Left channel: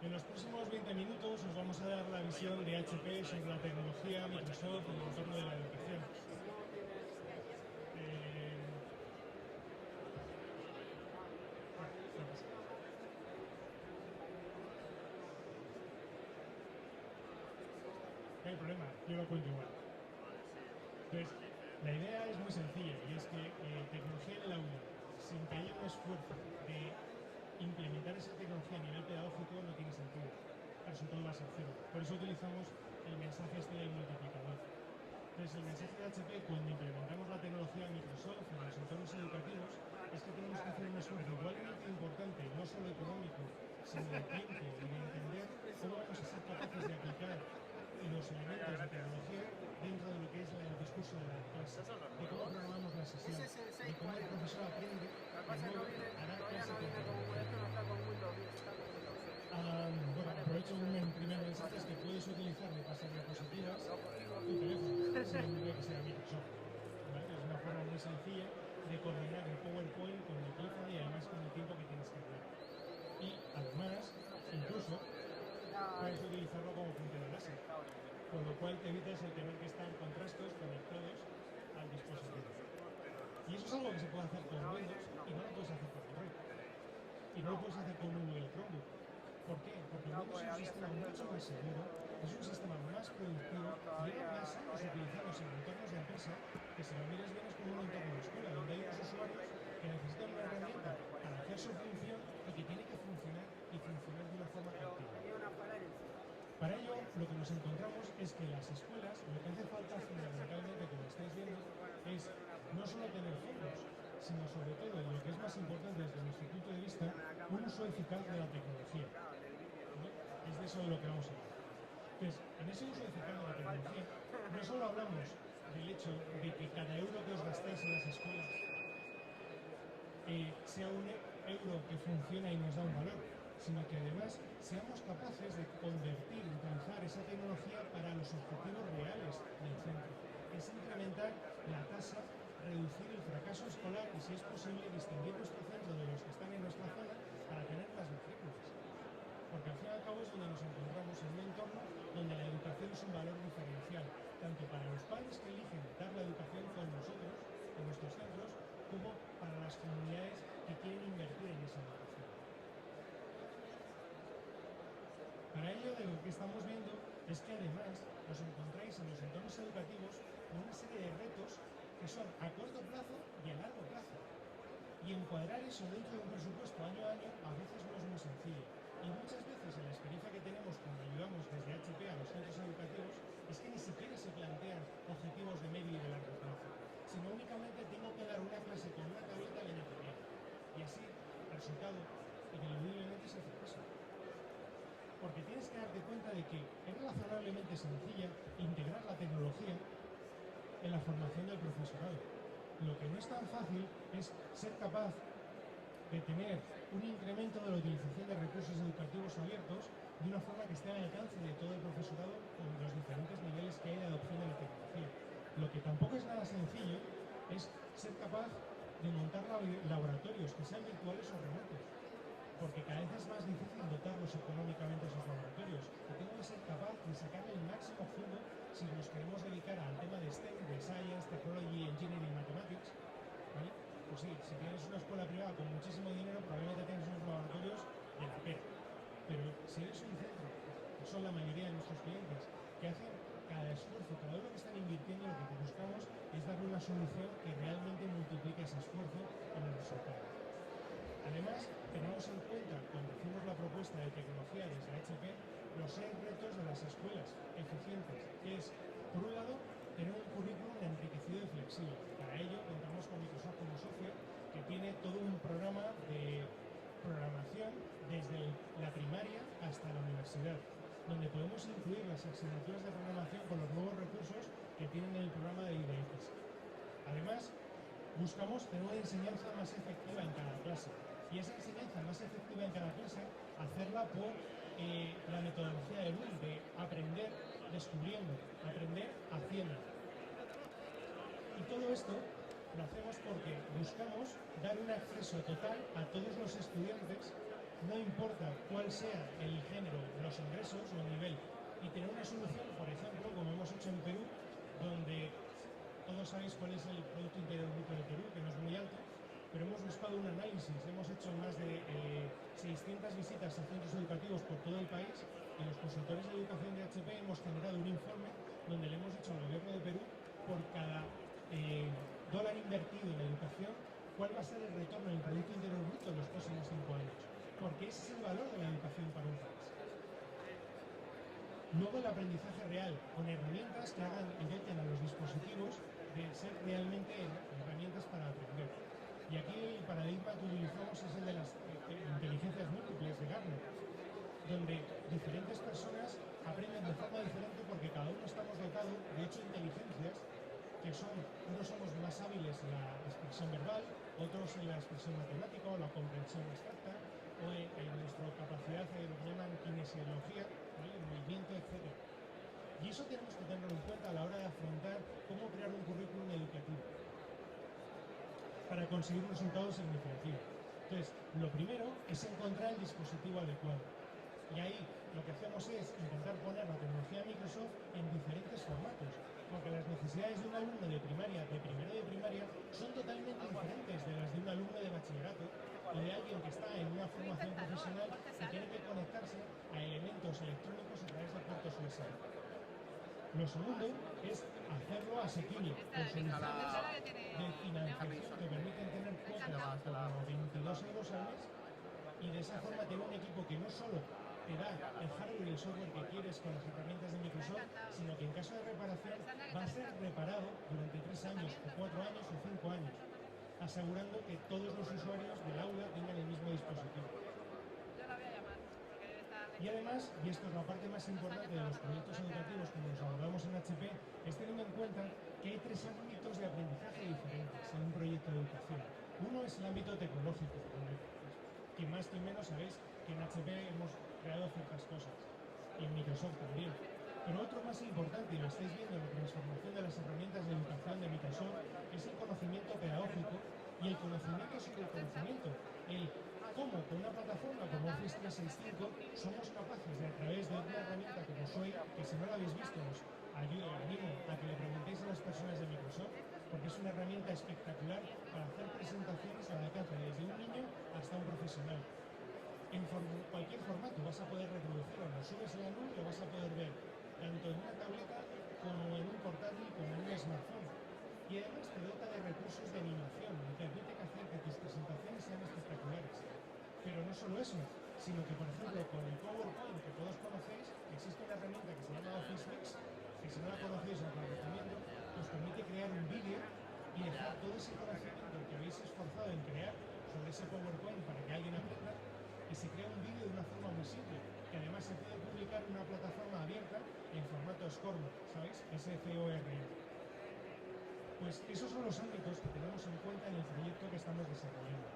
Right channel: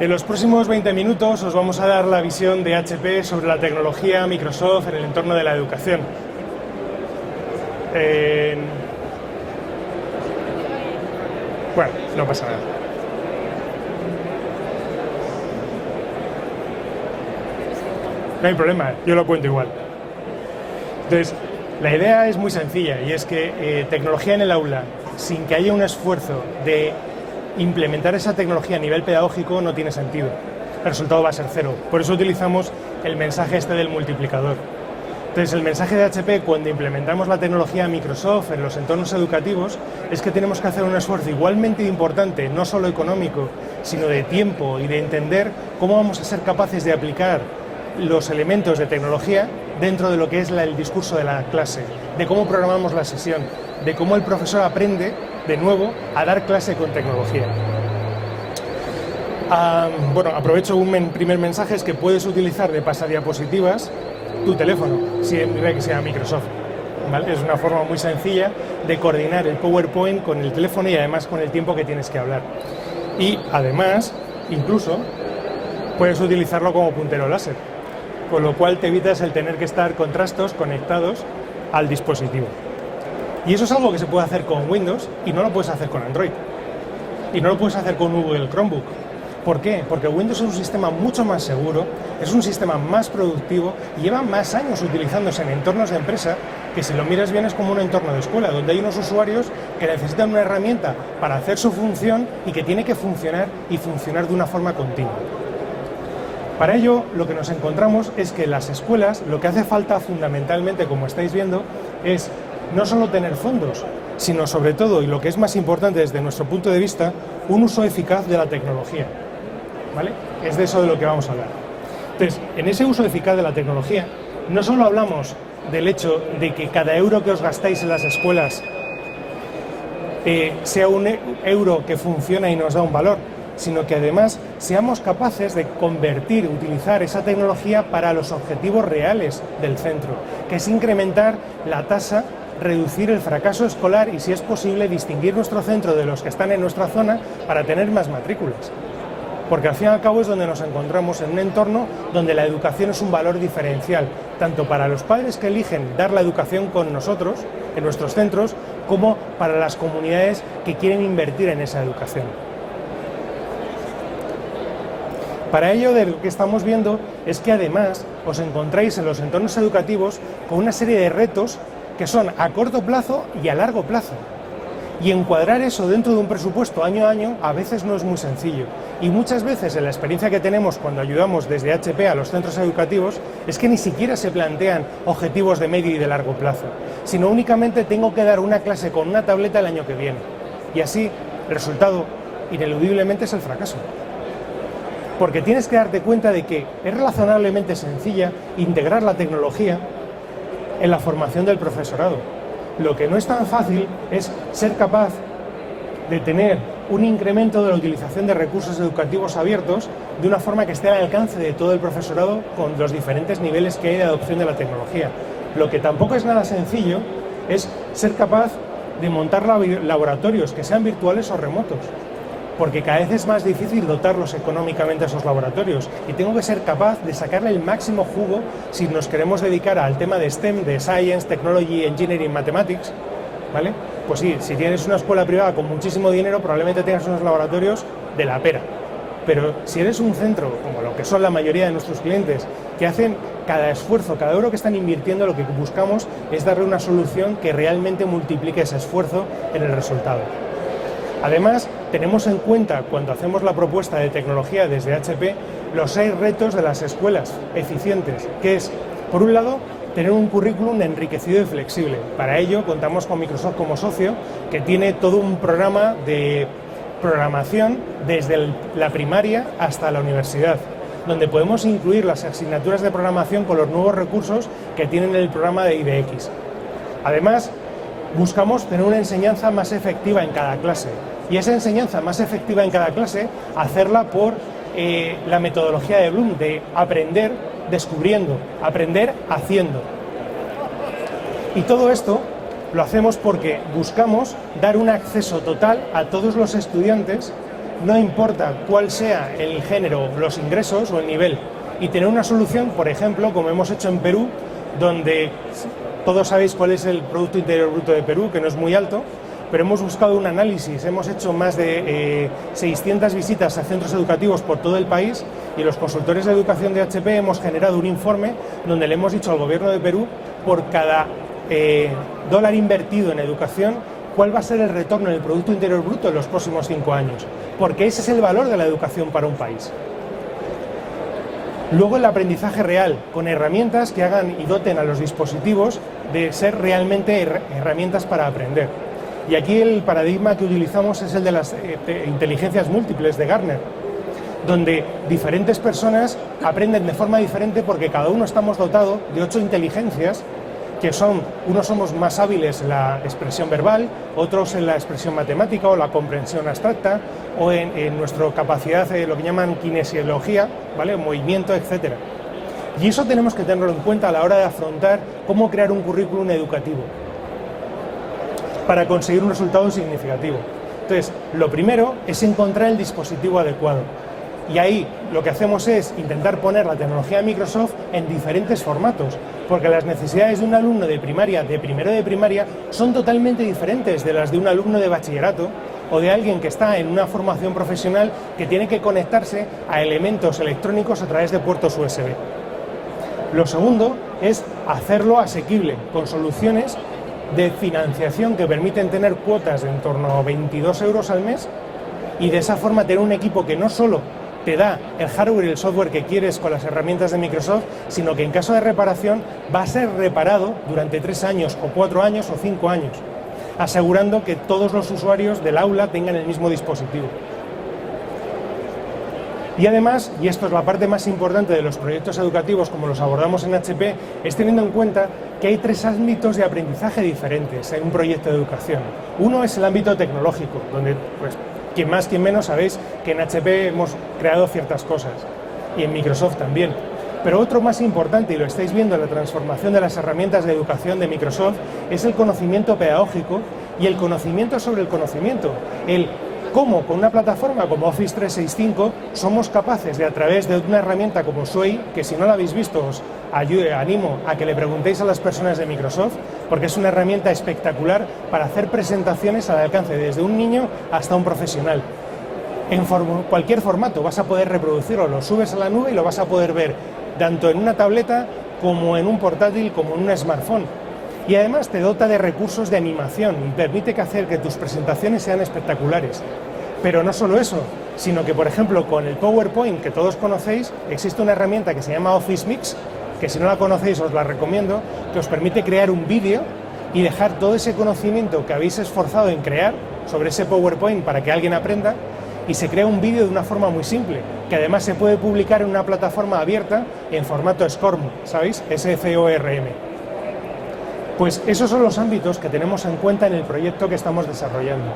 En los próximos 20 minutos os vamos a dar la visión de HP sobre la tecnología Microsoft en el entorno de la educación. Bueno, no pasa nada. No hay problema, yo lo cuento igual. Entonces, la idea es muy sencilla y es que tecnología en el aula, sin que haya un esfuerzo de implementar esa tecnología a nivel pedagógico, no tiene sentido. El resultado va a ser cero. Por eso utilizamos el mensaje este del multiplicador. Entonces, el mensaje de HP cuando implementamos la tecnología Microsoft en los entornos educativos es que tenemos que hacer un esfuerzo igualmente importante, no solo económico, sino de tiempo y de entender cómo vamos a ser capaces de aplicar los elementos de tecnología dentro de lo que es el discurso de la clase, de cómo programamos la sesión, de cómo el profesor aprende de nuevo a dar clase con tecnología. Bueno, aprovecho un primer mensaje, es que puedes utilizar de pasadiapositivas tu teléfono, siempre que sea Microsoft, ¿vale? Es una forma muy sencilla de coordinar el PowerPoint con el teléfono y además con el tiempo que tienes que hablar. Y además, incluso, puedes utilizarlo como puntero láser, con lo cual te evitas el tener que estar con trastos conectados al dispositivo. Y eso es algo que se puede hacer con Windows y no lo puedes hacer con Android. Y no lo puedes hacer con Google Chromebook. ¿Por qué? Porque Windows es un sistema mucho más seguro, es un sistema más productivo y lleva más años utilizándose en entornos de empresa que, si lo miras bien, es como un entorno de escuela, donde hay unos usuarios que necesitan una herramienta para hacer su función y que tiene que funcionar y funcionar de una forma continua. Para ello, lo que nos encontramos es que en las escuelas lo que hace falta fundamentalmente, como estáis viendo, es no solo tener fondos, sino sobre todo, y lo que es más importante desde nuestro punto de vista, un uso eficaz de la tecnología, ¿vale? Es de eso de lo que vamos a hablar. Entonces, en ese uso eficaz de la tecnología, no solo hablamos del hecho de que cada euro que os gastáis en las escuelas sea un euro que funciona y nos da un valor, sino que además seamos capaces de utilizar esa tecnología para los objetivos reales del centro, que es incrementar la tasa, reducir el fracaso escolar y, si es posible, distinguir nuestro centro de los que están en nuestra zona para tener más matrículas. Porque al fin y al cabo es donde nos encontramos, en un entorno donde la educación es un valor diferencial, tanto para los padres que eligen dar la educación con nosotros, en nuestros centros, como para las comunidades que quieren invertir en esa educación. Para ello, de lo que estamos viendo es que además os encontráis en los entornos educativos con una serie de retos que son a corto plazo y a largo plazo. Y encuadrar eso dentro de un presupuesto año a año a veces no es muy sencillo. Y muchas veces, en la experiencia que tenemos cuando ayudamos desde HP a los centros educativos, es que ni siquiera se plantean objetivos de medio y de largo plazo, sino únicamente tengo que dar una clase con una tableta el año que viene. Y así, el resultado, ineludiblemente, es el fracaso. Porque tienes que darte cuenta de que es razonablemente sencilla integrar la tecnología en la formación del profesorado. Lo que no es tan fácil es ser capaz de tener un incremento de la utilización de recursos educativos abiertos de una forma que esté al alcance de todo el profesorado con los diferentes niveles que hay de adopción de la tecnología. Lo que tampoco es nada sencillo es ser capaz de montar laboratorios que sean virtuales o remotos, porque cada vez es más difícil dotarlos económicamente a esos laboratorios y tengo que ser capaz de sacarle el máximo jugo si nos queremos dedicar al tema de STEM, de Science, Technology, Engineering, Mathematics, ¿vale? Pues sí, si tienes una escuela privada con muchísimo dinero, probablemente tengas unos laboratorios de la pera. Pero si eres un centro, como lo que son la mayoría de nuestros clientes, que hacen cada esfuerzo, cada euro que están invirtiendo, lo que buscamos es darle una solución que realmente multiplique ese esfuerzo en el resultado. Además, tenemos en cuenta, cuando hacemos la propuesta de tecnología desde HP, los 6 retos de las escuelas eficientes, que es, por un lado, tener un currículum enriquecido y flexible. Para ello, contamos con Microsoft como socio, que tiene todo un programa de programación desde la primaria hasta la universidad, donde podemos incluir las asignaturas de programación con los nuevos recursos que tienen el programa de IDX. Además, buscamos tener una enseñanza más efectiva en cada clase, y esa enseñanza más efectiva en cada clase, hacerla por la metodología de Bloom, de aprender descubriendo, aprender haciendo. Y todo esto lo hacemos porque buscamos dar un acceso total a todos los estudiantes no importa cuál sea el género, los ingresos o el nivel, y tener una solución, por ejemplo, como hemos hecho en Perú, donde todos sabéis cuál es el Producto Interior Bruto de Perú, que no es muy alto, pero hemos buscado un análisis, hemos hecho más de 600 visitas a centros educativos por todo el país y los consultores de educación de HP hemos generado un informe donde le hemos dicho al gobierno de Perú por cada dólar invertido en educación cuál va a ser el retorno en el Producto Interior Bruto en los próximos 5 años, porque ese es el valor de la educación para un país. Luego el aprendizaje real, con herramientas que hagan y doten a los dispositivos de ser realmente herramientas para aprender. Y aquí el paradigma que utilizamos es el de las inteligencias múltiples de Gartner, donde diferentes personas aprenden de forma diferente porque cada uno estamos dotados de 8 inteligencias que son, unos somos más hábiles en la expresión verbal, otros en la expresión matemática o la comprensión abstracta, o en nuestra capacidad de lo que llaman kinesiología, ¿vale? Movimiento, etc. Y eso tenemos que tenerlo en cuenta a la hora de afrontar cómo crear un currículum educativo para conseguir un resultado significativo. Entonces, lo primero es encontrar el dispositivo adecuado. Y ahí lo que hacemos es intentar poner la tecnología de Microsoft en diferentes formatos, porque las necesidades de un alumno de primaria, de primero de primaria, son totalmente diferentes de las de un alumno de bachillerato o de alguien que está en una formación profesional que tiene que conectarse a elementos electrónicos a través de puertos USB. Lo segundo es hacerlo asequible, con soluciones de financiación que permiten tener cuotas de en torno a 22 euros al mes y de esa forma tener un equipo que no solo te da el hardware y el software que quieres con las herramientas de Microsoft, sino que en caso de reparación va a ser reparado durante 3 años o 4 años o 5 años, asegurando que todos los usuarios del aula tengan el mismo dispositivo. Y además, y esto es la parte más importante de los proyectos educativos como los abordamos en HP, es teniendo en cuenta que hay 3 ámbitos de aprendizaje diferentes en un proyecto de educación. Uno es el ámbito tecnológico, donde pues, quien más, quien menos, sabéis que en HP hemos creado ciertas cosas, y en Microsoft también. Pero otro más importante, y lo estáis viendo en la transformación de las herramientas de educación de Microsoft, es el conocimiento pedagógico y el conocimiento sobre el conocimiento. El cómo con una plataforma como Office 365 somos capaces de, a través de una herramienta como Sway, que si no la habéis visto os animo a que le preguntéis a las personas de Microsoft, porque es una herramienta espectacular para hacer presentaciones al alcance desde un niño hasta un profesional. En cualquier formato vas a poder reproducirlo, lo subes a la nube y lo vas a poder ver tanto en una tableta como en un portátil como en un smartphone. Y además te dota de recursos de animación y permite hacer que tus presentaciones sean espectaculares. Pero no solo eso, sino que, por ejemplo, con el PowerPoint que todos conocéis, existe una herramienta que se llama Office Mix, que si no la conocéis os la recomiendo, que os permite crear un vídeo y dejar todo ese conocimiento que habéis esforzado en crear sobre ese PowerPoint para que alguien aprenda, y se crea un vídeo de una forma muy simple, que además se puede publicar en una plataforma abierta en formato SCORM, ¿sabéis? SCORM. Pues esos son los ámbitos que tenemos en cuenta en el proyecto que estamos desarrollando.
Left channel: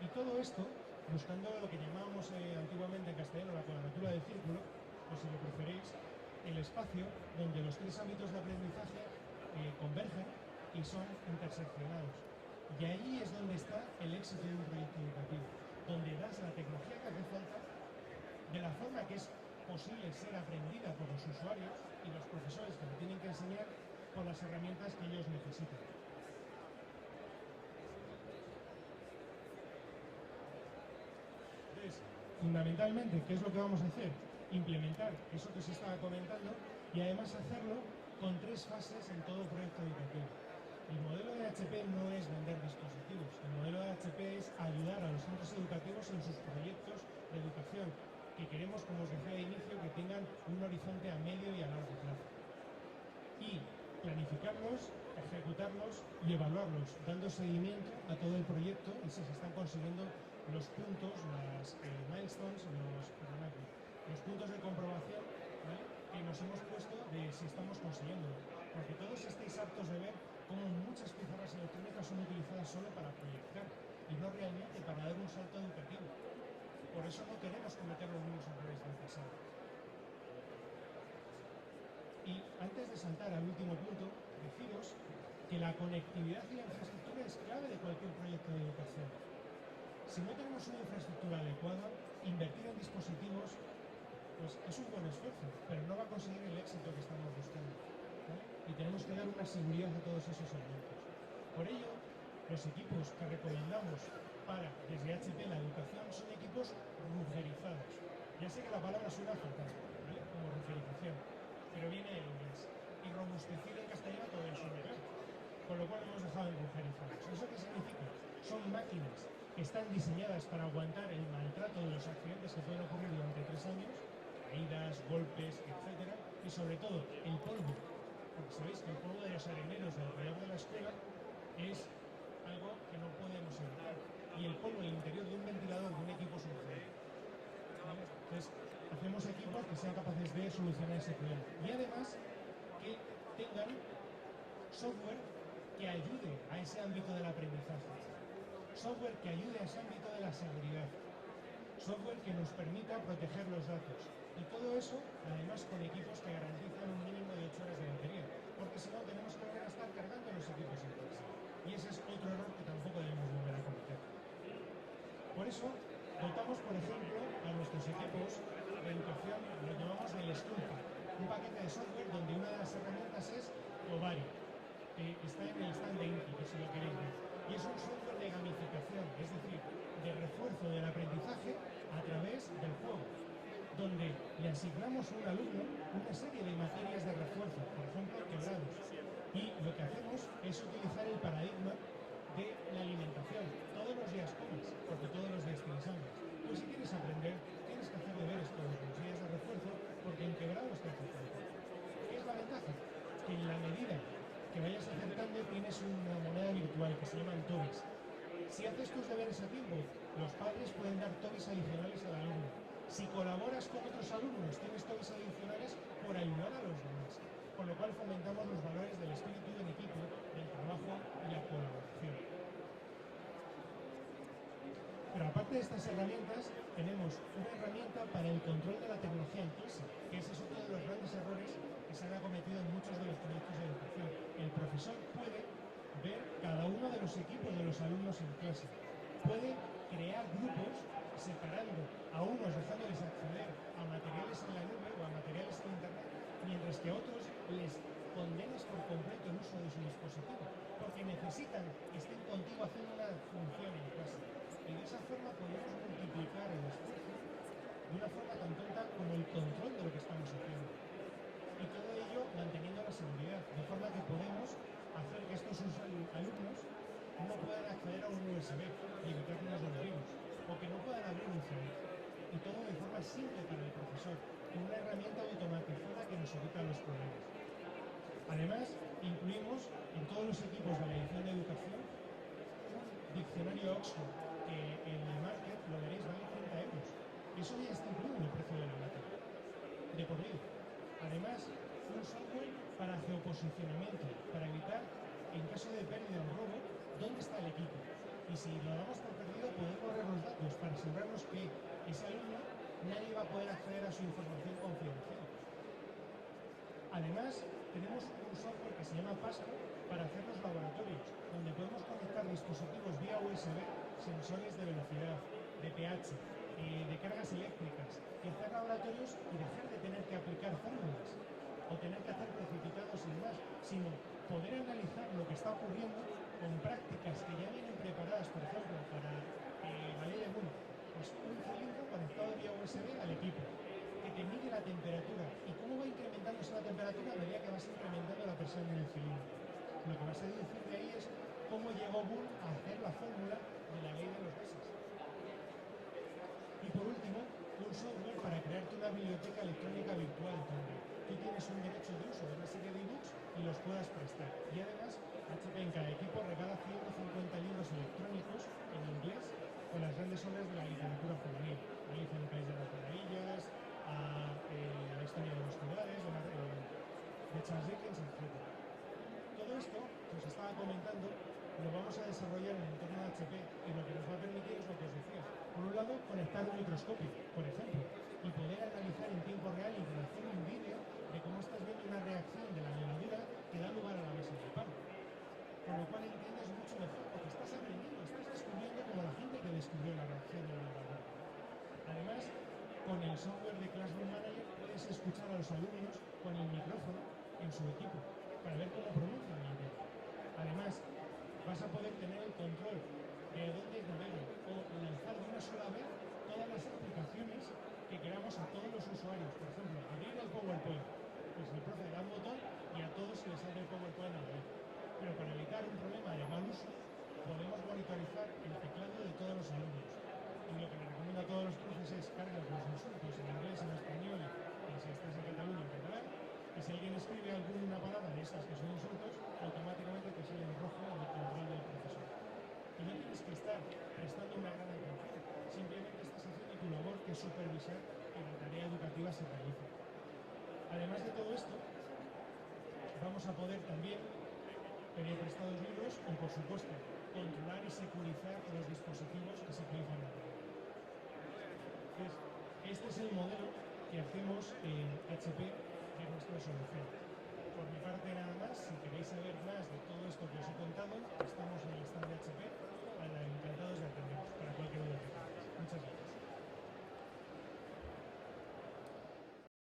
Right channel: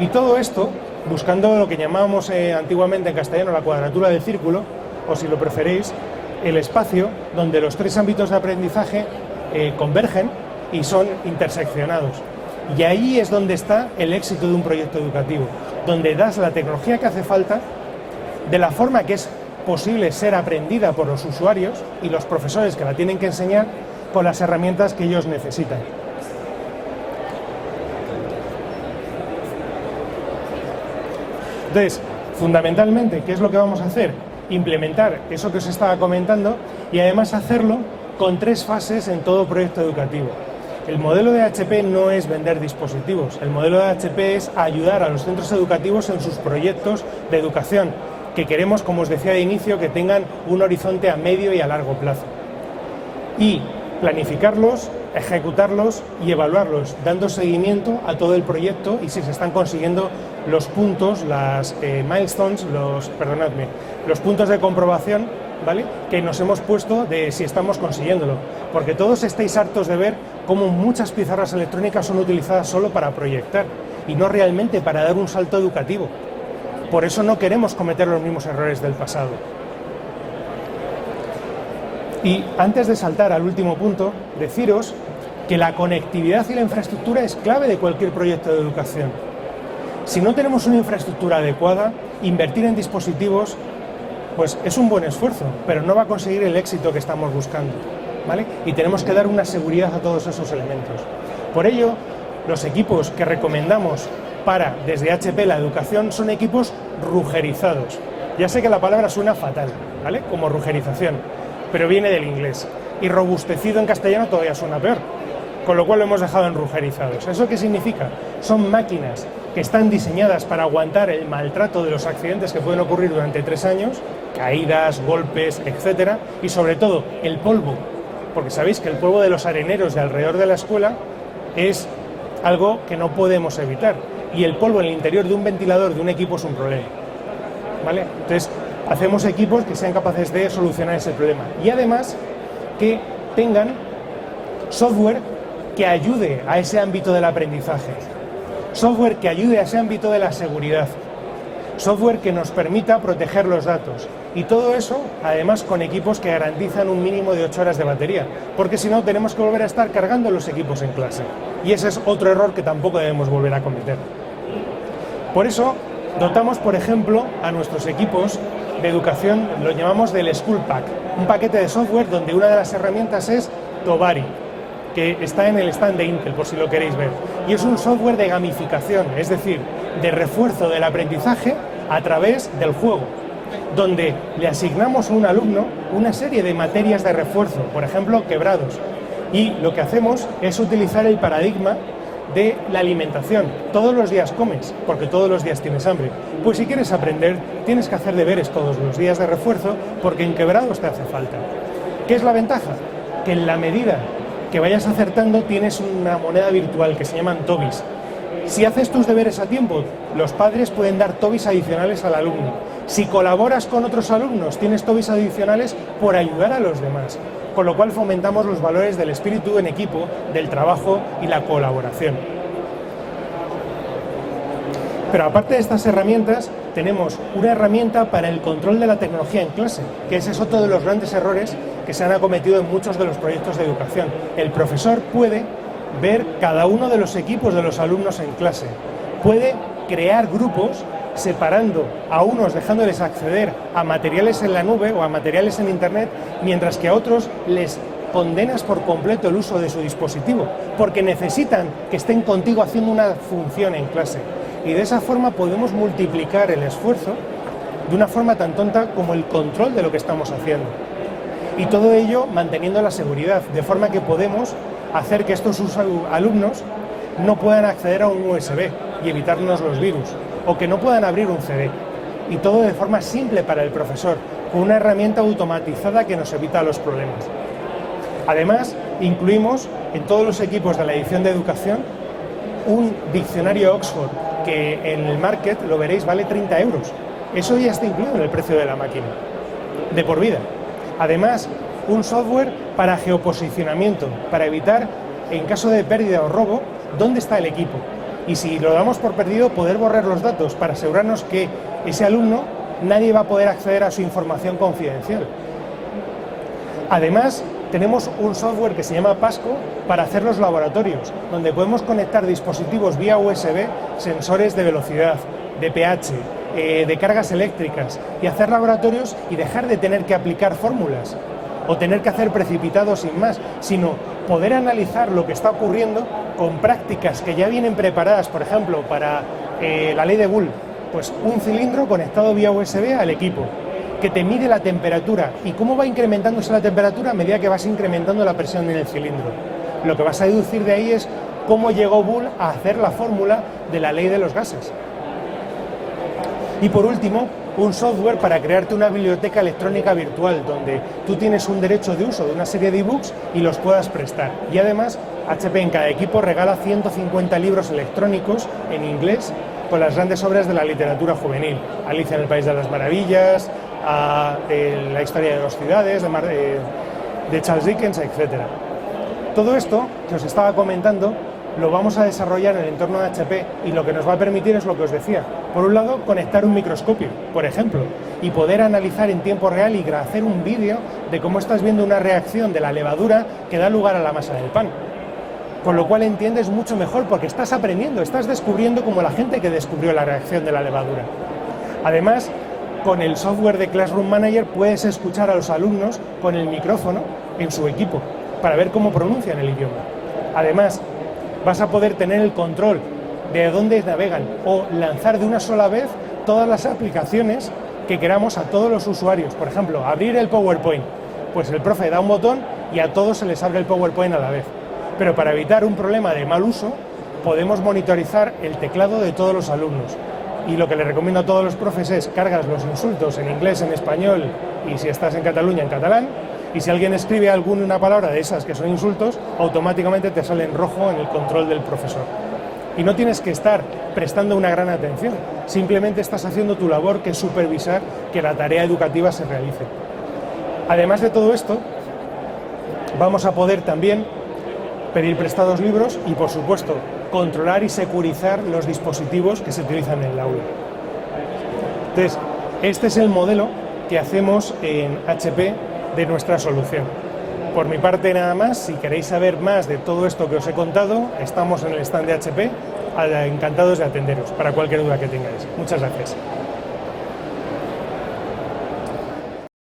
Y todo esto buscando lo que llamábamos antiguamente en castellano la cuadratura del círculo, o si lo preferéis, el espacio donde los 3 ámbitos de aprendizaje convergen y son interseccionados. Y ahí es donde está el éxito de un proyecto educativo, donde das la tecnología que hace falta, de la forma que es posible ser aprendida por los usuarios y los profesores que la tienen que enseñar, con las herramientas que ellos necesitan. Entonces, fundamentalmente, ¿qué es lo que vamos a hacer? Implementar eso que os estaba comentando y además hacerlo con 3 fases en todo proyecto educativo. El modelo de HP no es vender dispositivos, el modelo de HP es ayudar a los centros educativos en sus proyectos de educación, que queremos, como os decía de inicio, que tengan un horizonte a medio y a largo plazo. Y planificarlos, ejecutarlos y evaluarlos, dando seguimiento a todo el proyecto y si se están consiguiendo los puntos, las milestones, los puntos de comprobación, ¿vale?, que nos hemos puesto de si estamos consiguiéndolo. Porque todos estáis hartos de ver cómo muchas pizarras electrónicas son utilizadas solo para proyectar y no realmente para dar un salto educativo. Por eso no queremos cometer los mismos errores del pasado. Y antes de saltar al último punto, deciros que la conectividad y la infraestructura es clave de cualquier proyecto de educación. Si no tenemos una infraestructura adecuada, invertir en dispositivos pues es un buen esfuerzo, pero no va a conseguir el éxito que estamos buscando, ¿vale? Y tenemos que dar una seguridad a todos esos elementos. Por ello, los equipos que recomendamos para, desde HP, la educación, son equipos rugerizados. Ya sé que la palabra suena fatal, ¿vale? Como rugerización, pero viene del inglés. Y robustecido en castellano todavía suena peor, con lo cual lo hemos dejado en rugerizados. ¿Eso qué significa? Son máquinas que están diseñadas para aguantar el maltrato de los accidentes que pueden ocurrir durante 3 años, caídas, golpes, etcétera, y sobre todo el polvo, porque sabéis que el polvo de los areneros de alrededor de la escuela es algo que no podemos evitar, y el polvo en el interior de un ventilador de un equipo es un problema, ¿vale? Entonces, hacemos equipos que sean capaces de solucionar ese problema, y además que tengan software que ayude a ese ámbito del aprendizaje, software que ayude a ese ámbito de la seguridad, software que nos permita proteger los datos, y todo eso además con equipos que garantizan un mínimo de 8 horas de batería, porque si no tenemos que volver a estar cargando los equipos en clase, y ese es otro error que tampoco debemos volver a cometer. Por eso dotamos, por ejemplo, a nuestros equipos de educación, lo llamamos del School Pack, un paquete de software donde una de las herramientas es Tobari, que está en el stand de Intel, por si lo queréis ver. Y es un software de gamificación, es decir, de refuerzo del aprendizaje a través del juego, donde le asignamos a un alumno una serie de materias de refuerzo, por ejemplo, quebrados. Y lo que hacemos es utilizar el paradigma de la alimentación. Todos los días comes, porque todos los días tienes hambre. Pues si quieres aprender, tienes que hacer deberes todos los días de refuerzo, porque en quebrados te hace falta. ¿Qué es la ventaja? Que en la medida que vayas acertando tienes una moneda virtual que se llaman tobis. Si haces tus deberes a tiempo, los padres pueden dar tobis adicionales al alumno. Si colaboras con otros alumnos, tienes tobis adicionales por ayudar a los demás. Con lo cual fomentamos los valores del espíritu en equipo, del trabajo y la colaboración. Pero aparte de estas herramientas, tenemos una herramienta para el control de la tecnología en clase, que ese es otro de los grandes errores que se han acometido en muchos de los proyectos de educación. El profesor puede ver cada uno de los equipos de los alumnos en clase, puede crear grupos separando a unos, dejándoles acceder a materiales en la nube o a materiales en internet, mientras que a otros les condenas por completo el uso de su dispositivo, porque necesitan que estén contigo haciendo una función en clase. Y de esa forma podemos multiplicar el esfuerzo de una forma tan tonta como el control de lo que estamos haciendo. Y todo ello manteniendo la seguridad, de forma que podemos hacer que estos alumnos no puedan acceder a un USB y evitarnos los virus, o que no puedan abrir un CD. Y todo de forma simple para el profesor, con una herramienta automatizada que nos evita los problemas. Además, incluimos en todos los equipos de la edición de educación un diccionario Oxford, que en el market, lo veréis, vale 30 euros. Eso ya está incluido en el precio de la máquina, de por vida. Además, un software para geoposicionamiento, para evitar, en caso de pérdida o robo, dónde está el equipo. Y si lo damos por perdido, poder borrar los datos para asegurarnos que ese alumno, nadie va a poder acceder a su información confidencial. Además, tenemos un software que se llama Pasco para hacer los laboratorios, donde podemos conectar dispositivos vía USB, sensores de velocidad, de pH, de cargas eléctricas, y hacer laboratorios y dejar de tener que aplicar fórmulas o tener que hacer precipitados sin más, sino poder analizar lo que está ocurriendo con prácticas que ya vienen preparadas, por ejemplo, para la ley de Boole, pues un cilindro conectado vía USB al equipo, que te mide la temperatura. ¿Y cómo va incrementándose la temperatura? A medida que vas incrementando la presión en el cilindro. Lo que vas a deducir de ahí es cómo llegó Boole a hacer la fórmula de la ley de los gases. Y por último, un software para crearte una biblioteca electrónica virtual, donde tú tienes un derecho de uso de una serie de ebooks y los puedas prestar. Y además, HP en cada equipo regala 150 libros electrónicos en inglés con las grandes obras de la literatura juvenil. Alicia en el País de las Maravillas, la historia de 2 ciudades, de Charles Dickens, etc. Todo esto que os estaba comentando lo vamos a desarrollar en el entorno de HP, y lo que nos va a permitir es lo que os decía. Por un lado, conectar un microscopio, por ejemplo, y poder analizar en tiempo real y hacer un vídeo de cómo estás viendo una reacción de la levadura que da lugar a la masa del pan. con lo cual entiendes mucho mejor porque estás aprendiendo, estás descubriendo como la gente que descubrió la reacción de la levadura. Además, con el software de Classroom Manager puedes escuchar a los alumnos con el micrófono en su equipo para ver cómo pronuncian el idioma. Además, vas a poder tener el control de dónde navegan o lanzar de una sola vez todas las aplicaciones que queramos a todos los usuarios. Por ejemplo, abrir el PowerPoint. Pues el profe da un botón y a todos se les abre el PowerPoint a la vez. Pero para evitar un problema de mal uso, podemos monitorizar el teclado de todos los alumnos. Y lo que le recomiendo a todos los profes es cargas los insultos en inglés, en español y si estás en Cataluña, en catalán. Y si alguien escribe alguna palabra de esas que son insultos, automáticamente te sale en rojo en el control del profesor. Y no tienes que estar prestando una gran atención, simplemente estás haciendo tu labor, que es supervisar que la tarea educativa se realice. Además de todo esto, vamos a poder también pedir prestados libros y, por supuesto, controlar y securizar los dispositivos que se utilizan en el aula. Entonces, este es el modelo que hacemos en HP de nuestra solución. Por mi parte nada más, si queréis saber más de todo esto que os he contado, estamos en el stand de HP, encantados de atenderos para cualquier duda que tengáis. Muchas gracias.